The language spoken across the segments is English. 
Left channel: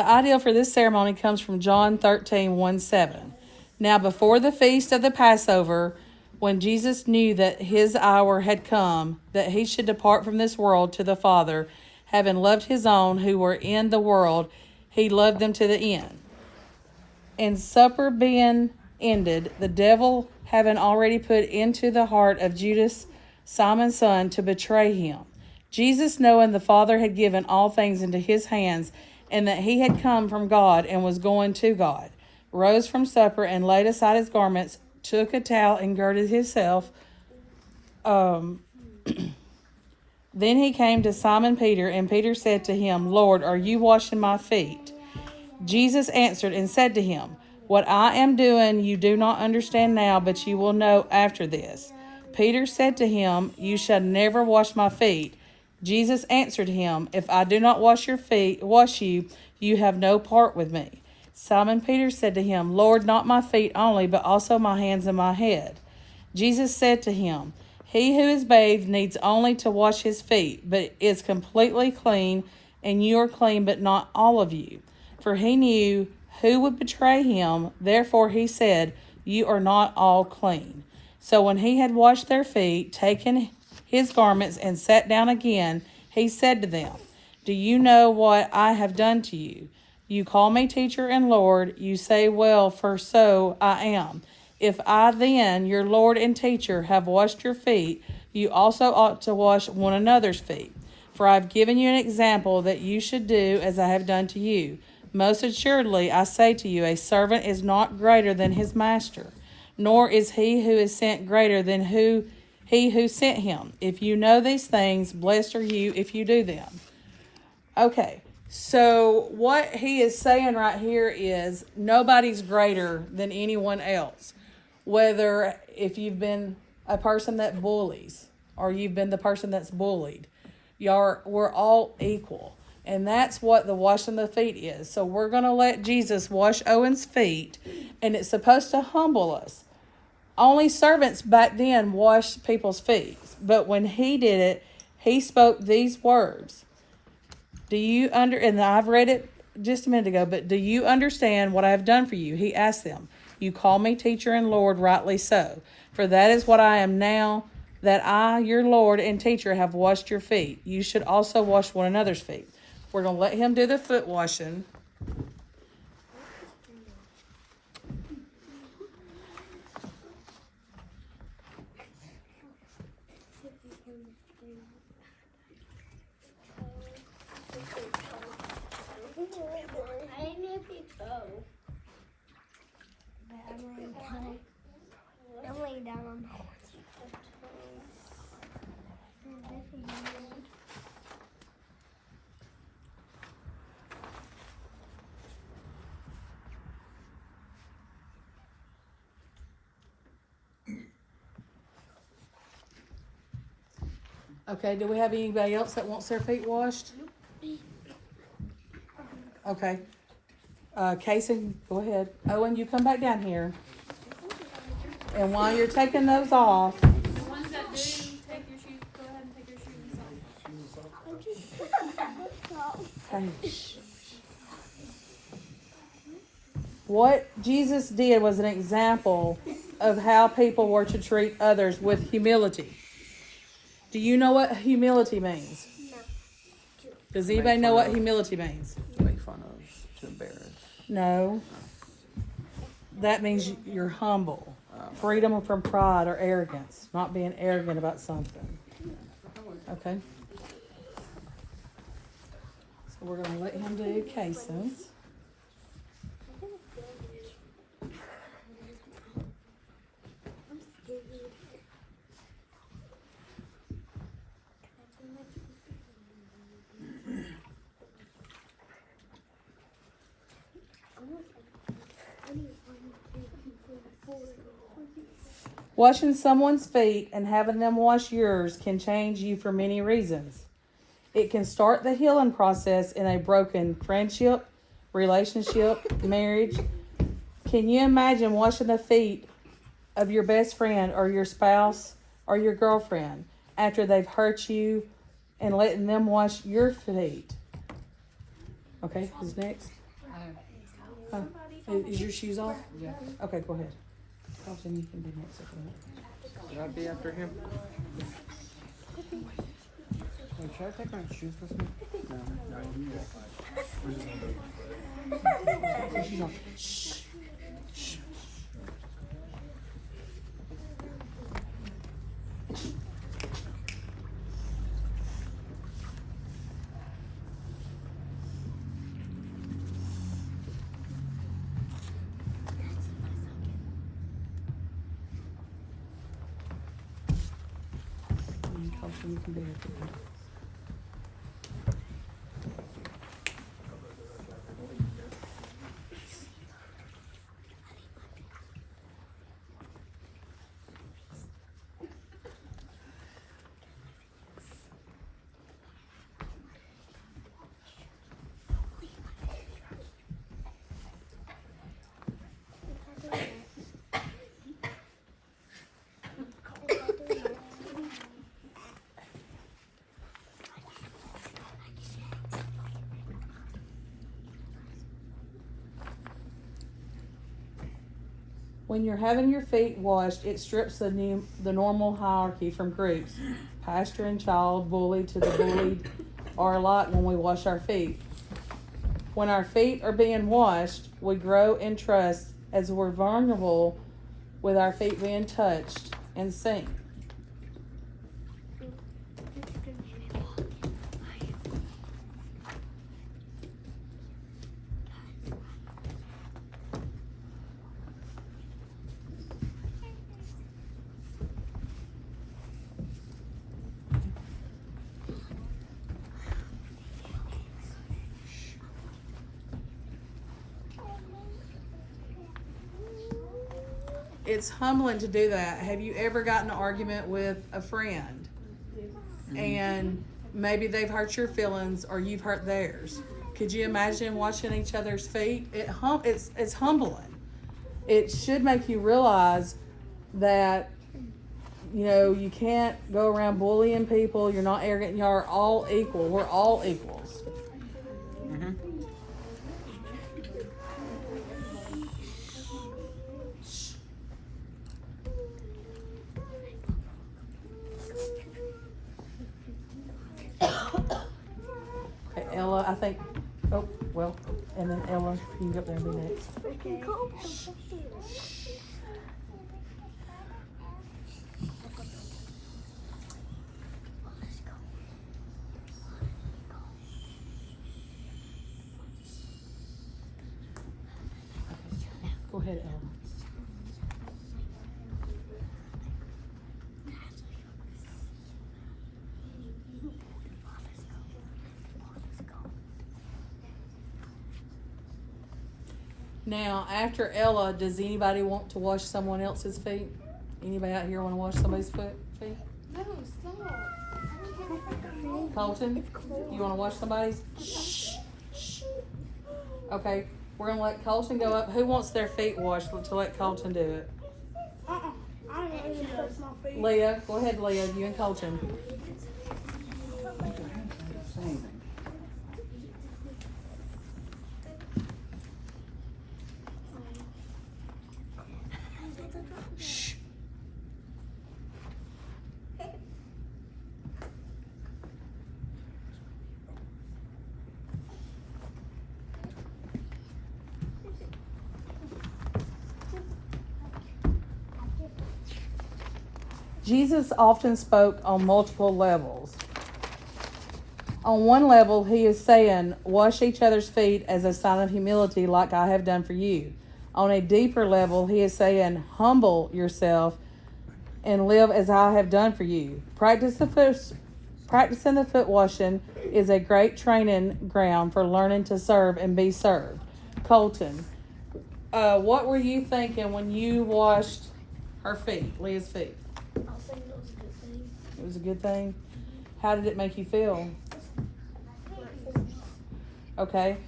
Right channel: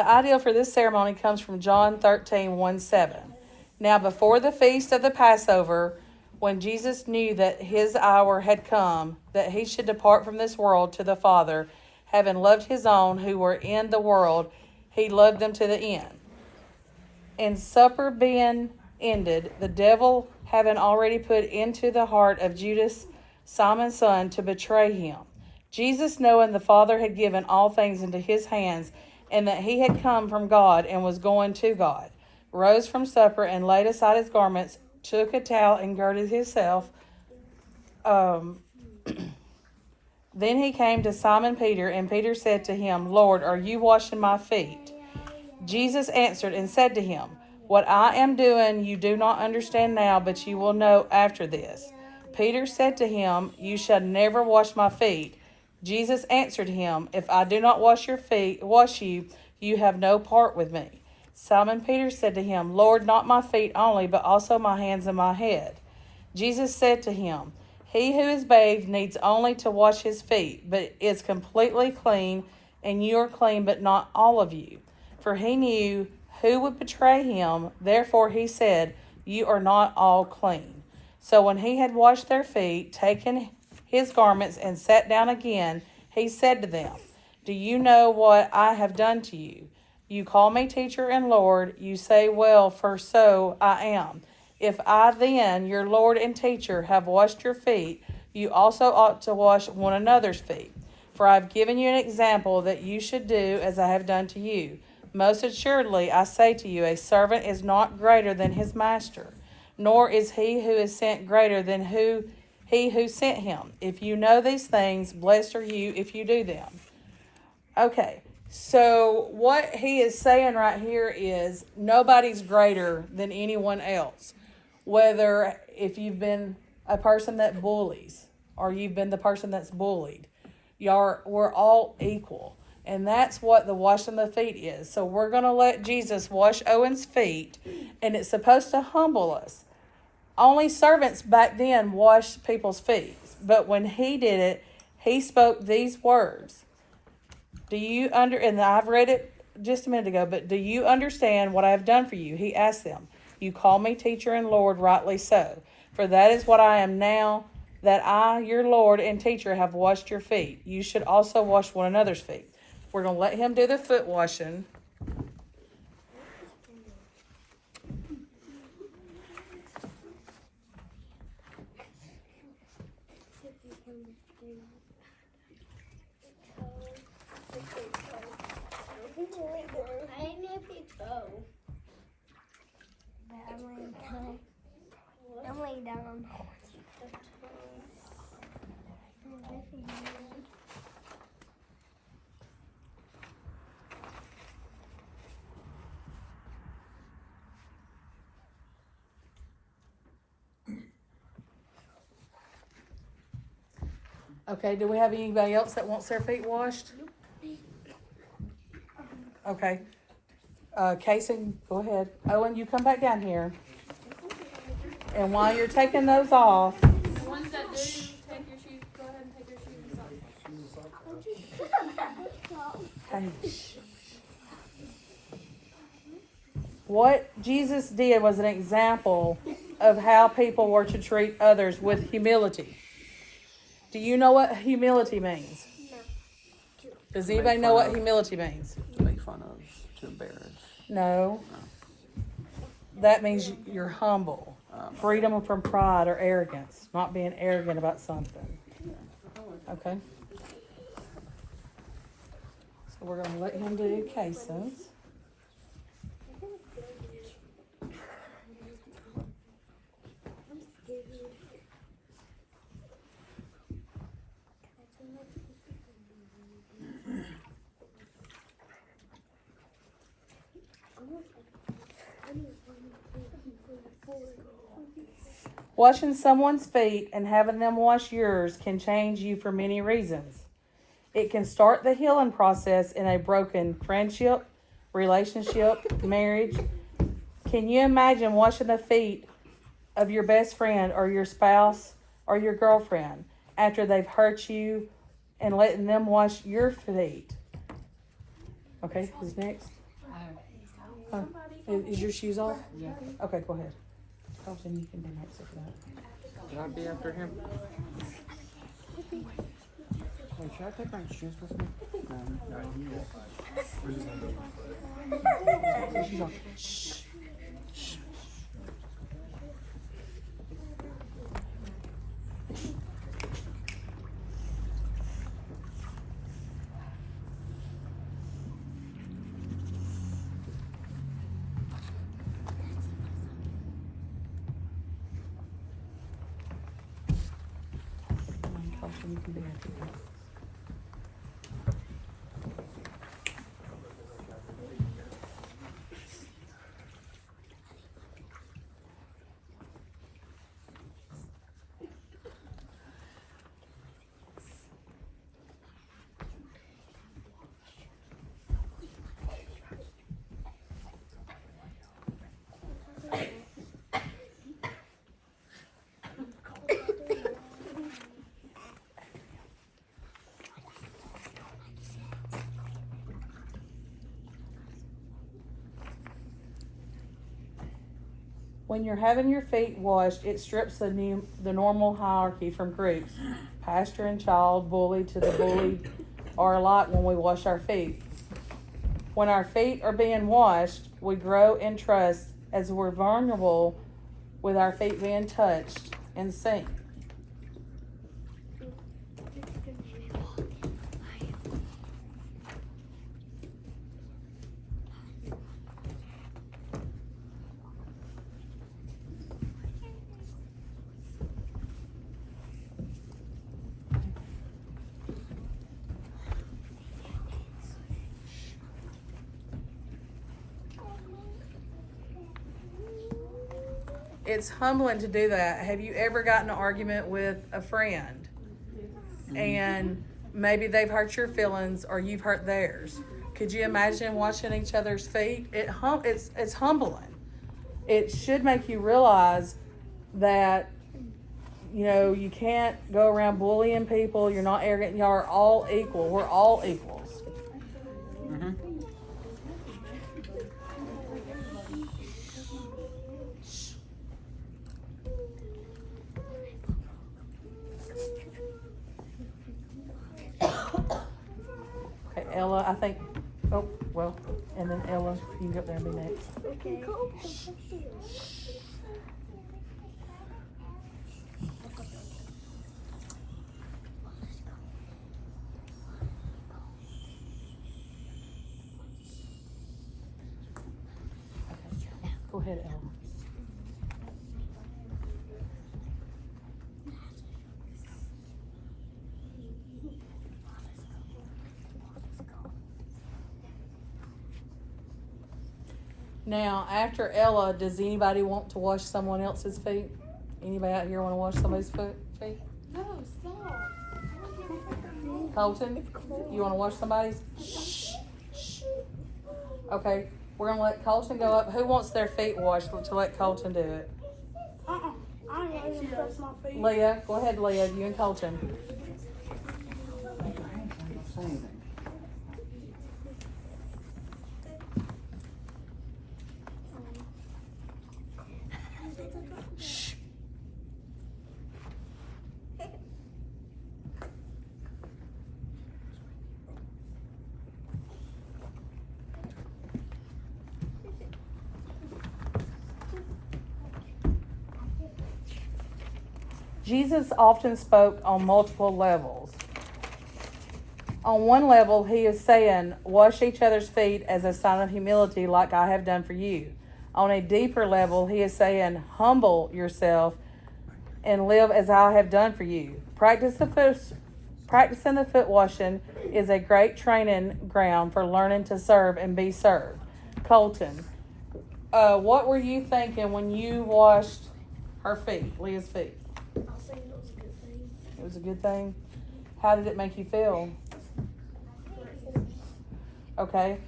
The ideal for this ceremony comes from John 13:1-7. Now, before the feast of the Passover, when Jesus knew that his hour had come, that he should depart from this world to the Father, having loved his own who were in the world, he loved them to the end. And supper being ended, the devil having already put into the heart of Judas, Simon's son, to betray him. Jesus, knowing the Father had given all things into his hands, and that he had come from God and was going to God, rose from supper and laid aside his garments, took a towel and girded himself. Then he came to Simon Peter, and Peter said to him, Lord, are you washing my feet? Jesus answered and said to him, what I am doing you do not understand now, but you will know after this. Peter said to him, you shall never wash my feet. Jesus answered him, if I do not wash you, you have no part with me. Simon Peter said to him, Lord, not my feet only, but also my hands and my head. Jesus said to him, he who is bathed needs only to wash his feet, but is completely clean, and you are clean, but not all of you. For he knew who would betray him, therefore he said, you are not all clean. So when he had washed their feet, taken his garments, and sat down again, he said to them, do you know what I have done to you? You call me teacher and Lord, you say, well, for so I am. If I then, your Lord and teacher, have washed your feet, you also ought to wash one another's feet. For I have given you an example that you should do as I have done to you. Most assuredly, I say to you, a servant is not greater than his master, nor is he who is sent greater than he who sent him. If you know these things, blessed are you if you do them. Okay, so what he is saying right here is nobody's greater than anyone else. Whether if you've been a person that bullies or you've been the person that's bullied, we're all equal. And that's what the washing the feet is. So we're going to let Jesus wash Owen's feet, and it's supposed to humble us. Only servants back then washed people's feet. But when he did it, he spoke these words. And I've read it just a minute ago, but do you understand what I have done for you? He asked them. You call me teacher and Lord, rightly so. For that is what I am now, that I, your Lord and teacher, have washed your feet. You should also wash one another's feet. We're going to let him do the foot washing. I'm laying down on the horse. Okay, do we have anybody else that wants their feet washed? Okay. Casey, go ahead. Owen, you come back down here. And while you're taking those off, The ones that do take your shoes, go ahead and take your shoes off. what Jesus did was an example of how people were to treat others with humility. Do you know what humility means? No. Does anybody know what humility means? To make fun of, to embarrass. No. That means you're humble. Freedom from pride or arrogance. Not being arrogant about something. Okay? So we're going to let him do cases. Washing someone's feet and having them wash yours can change you for many reasons. It can start the healing process in a broken friendship, relationship, marriage. Can you imagine washing the feet of your best friend or your spouse or your girlfriend after they've hurt you and letting them wash your feet? Okay, who's next? Somebody. Is your shoes off? Yeah. Okay, go ahead. Colton, you can do next. Should I be after him? Hey, should I take my shoes with me? Colton, you can do next. When you're having your feet washed, it strips the normal hierarchy from groups, pastor and child, bully to the bullied, are a lot when we wash our feet. When our feet are being washed, we grow in trust as we're vulnerable with our feet being touched and sink. It's humbling to do that. Have you ever gotten in an argument with a friend and maybe they've hurt your feelings or you've hurt theirs? Could you imagine washing each other's feet? It's humbling. It should make you realize that, you know, you can't go around bullying people. You're not arrogant. Y'all are all equal. We're all equals. Mm-hmm. Okay, Ella, I think. Oh, well, and then Ella, you can go up there and be next. Okay. Go ahead, Ella. Now, after Ella, does anybody want to wash someone else's feet? Anybody out here want to wash somebody's feet? No, stop. Colton, you want to wash somebody's? Okay, we're gonna let Colton go up. Who wants their feet washed to let Colton do it? I ain't even touched my feet. Leah, go ahead, Leah. You and Colton. Say anything. Jesus often spoke on multiple levels. On one level, he is saying, wash each other's feet as a sign of humility like I have done for you. On a deeper level, he is saying, humble yourself and live as I have done for you. Practicing the foot washing is a great training ground for learning to serve and be served. Colton, what were you thinking when you washed her feet, Leah's feet? I think it was a good thing. It was a good thing. How did it make you feel? Okay.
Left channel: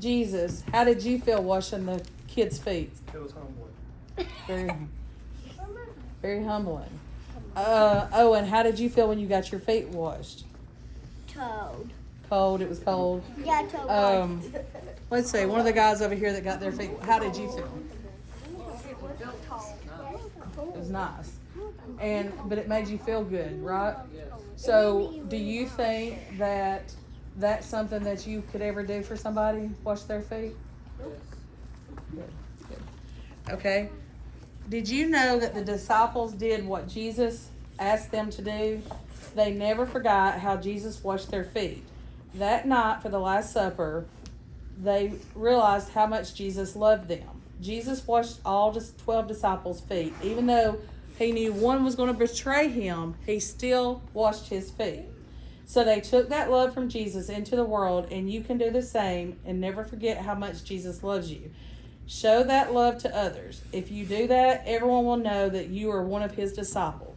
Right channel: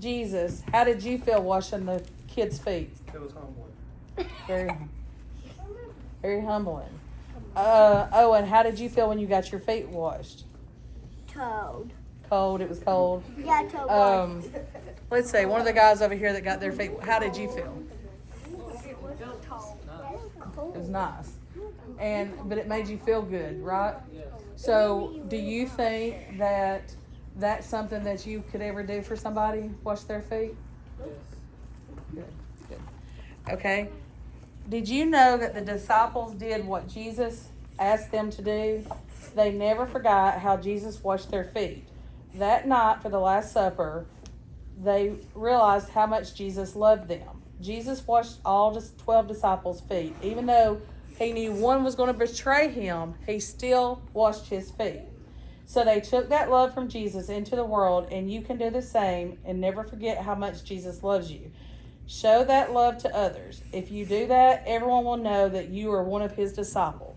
Jesus, how did you feel washing the kids' feet? It was humbling. Very, very humbling. Owen, how did you feel when you got your feet washed? Toad. cold. It was cold. Yeah, totally. Let's say one of the guys over here that got their feet. How did you feel? It was nice, but it made you feel good, right? So, do you think that that's something that you could ever do for somebody? Wash their feet? Okay. Did you know that the disciples did what Jesus asked them to do? They never forgot how Jesus washed their feet. That night for the Last Supper, they realized how much Jesus loved them. Jesus washed all 12 disciples' feet. Even though he knew one was going to betray him, he still washed his feet. So they took that love from Jesus into the world, and you can do the same and never forget how much Jesus loves you. Show that love to others. If you do that, everyone will know that you are one of his disciples.